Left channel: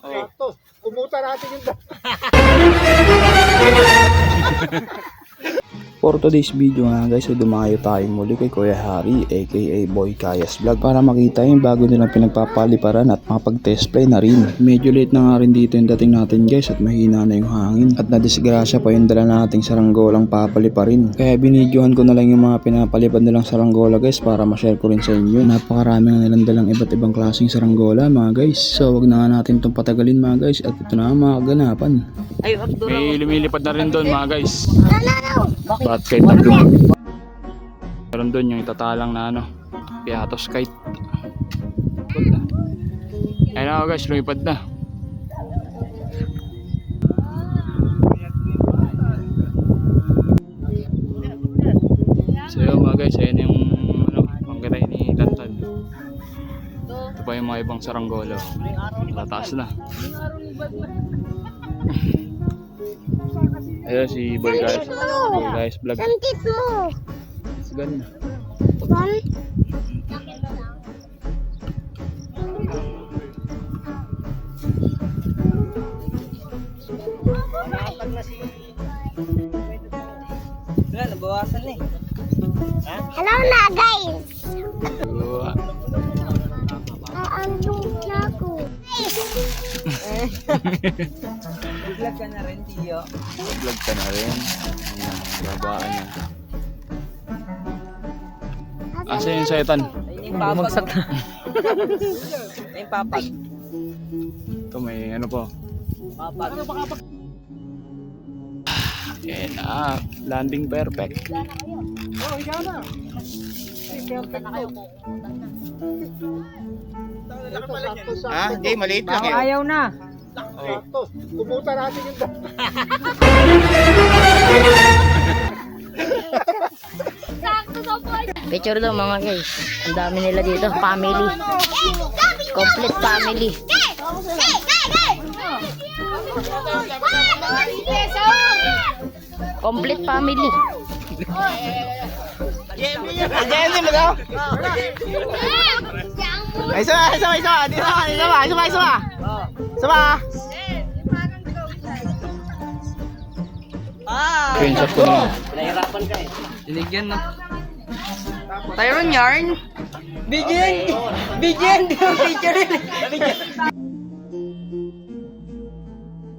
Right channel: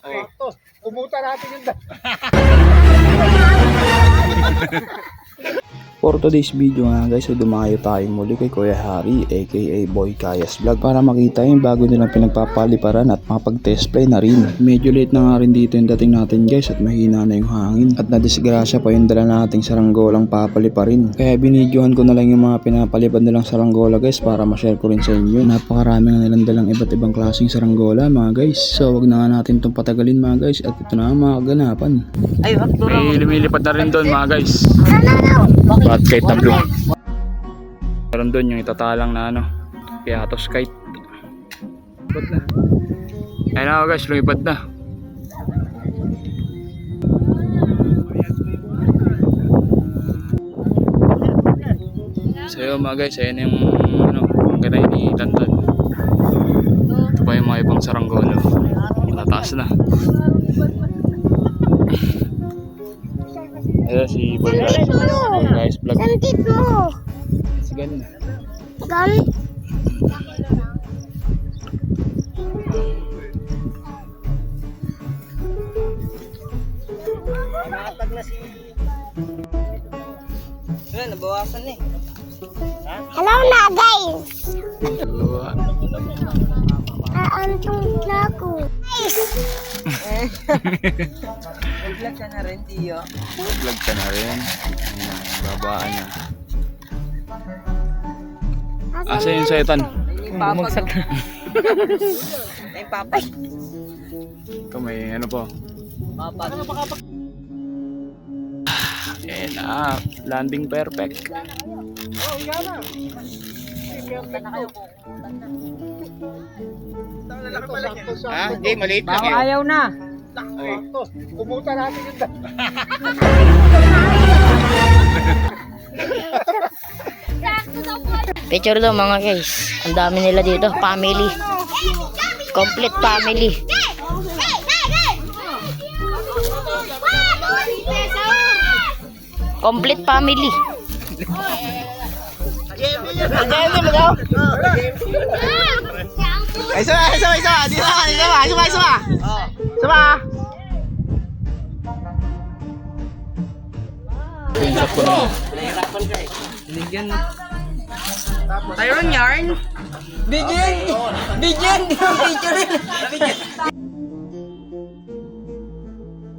Sakto. Umuta natin yung For today's video nga guys, ay dumayo tayo muli kay Kuya Harry aka Boy Kayas Vlog para makita yung bago nilang pinagpapaliparan at makapag-test play na rin. Medyo late na nga rin dito yung dating natin guys at mahina na yung hangin at nadisgrasya pa yung dala nating saranggolang papaliparin. Kaya binidyohan ko na lang yung mga pinapalipad nilang saranggola guys para ma-share ko rin sa inyo. Napakarami nga nilang dalang iba't ibang klaseng saranggola mga guys. So wag na nga natin itong patagalin mga guys at ito na mga kaganapan. May lumilipad na rin doon mga guys. Bat kite na blue. Meron doon yung itatalang na ano, piatos kite. Lipad na. Ayun na guys, lumipad na. So yun mga guys, ayun yung ano, pangganay ni Tantan. Ito pa yung mga ibang saranggolo. Matataas na. Ayan si Boy Guys Vlog. Sandit mo. It's ganda. Gan. nabawasan eh. Hello na guys. Aantong na ako. Vlog ka na rin, Tiyo. Vlog ka na rin. Ayun na, babaan na. Asa yung sayatan? Bumagsak na. Ay, papag. Ito may ano po. Ayan na, landing perfect. Oh, ikaw na. Perfect to. Ha? Hindi, maliit lang yun. Ayaw na. Sakto. Umuta natin yung Picture daw mga guys. Ang dami nila dito. Family. Complete family. Complete family. Jenny mo daw? Ay, sama. Dito na, sama. Sama. Screenshot ko na. Binigyan na. Tayo yarn. Bigyan. Bigyan. Picture rin.